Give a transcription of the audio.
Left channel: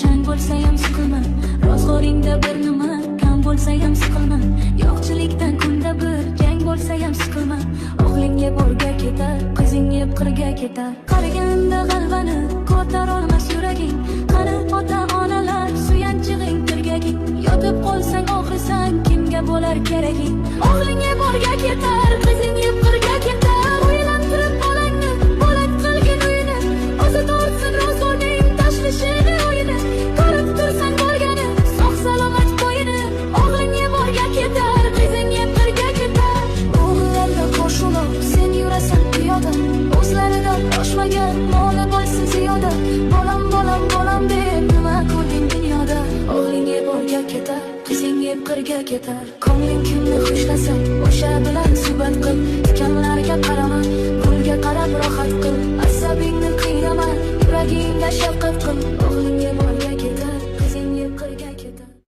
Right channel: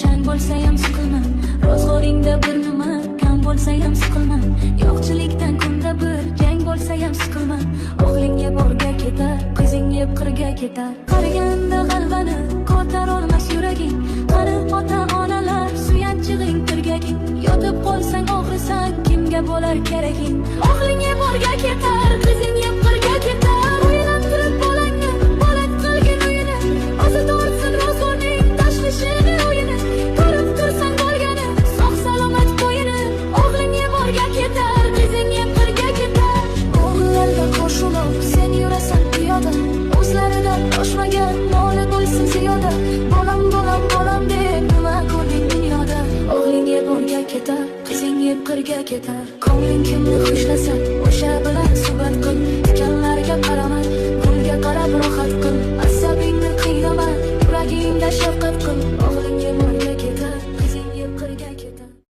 chang bo'lsa ham siqilma, ro'zg'oringda bir nima kam bo'lsa ham siqilma, yo'qchilikdan kunda bir jang bo'lsa ham siqilma. O'g'ling yeb o'rga ketar, qizing yeb qirga ketar. Qariganda g'alvani ko'tar olmas yuraging. Qani ota-onalar suyanchig'ing tirgaging. Yotib qolsang og'risang kimga bo'lar keraging. O'g'ling yeb o'rga ketar, qizing yeb qirga ketar. O'ylantirib bolangni bolat qilgin uyini, o'zi tortsin ro'zg'orning tashvishini o'yini. Ko'rib tursan bo'lgani sog' salomat bo'yini. O'g'ling yeb o'rga ketar, qizing yeb qirga ketar. O'g'illarda qosh ulov, sen yurasan piyoda, o'zlaridan oshmagan moli bo'lsin ziyoda. Bolam bolam bolam deb nima ko'rding dunyoda? O'g'ling yeb o'rga ketar, qizing yeb qirga ketar. Ko'ngling kimni xushlasa o'sha bilan suhbat qil. Tikanlarga qarama, gulga qarab rohat qil. Asabingni qiynama, yuragingda shafqat qil. O'g'ling yeb o'rga ketar, qizing yeb qirga ketar.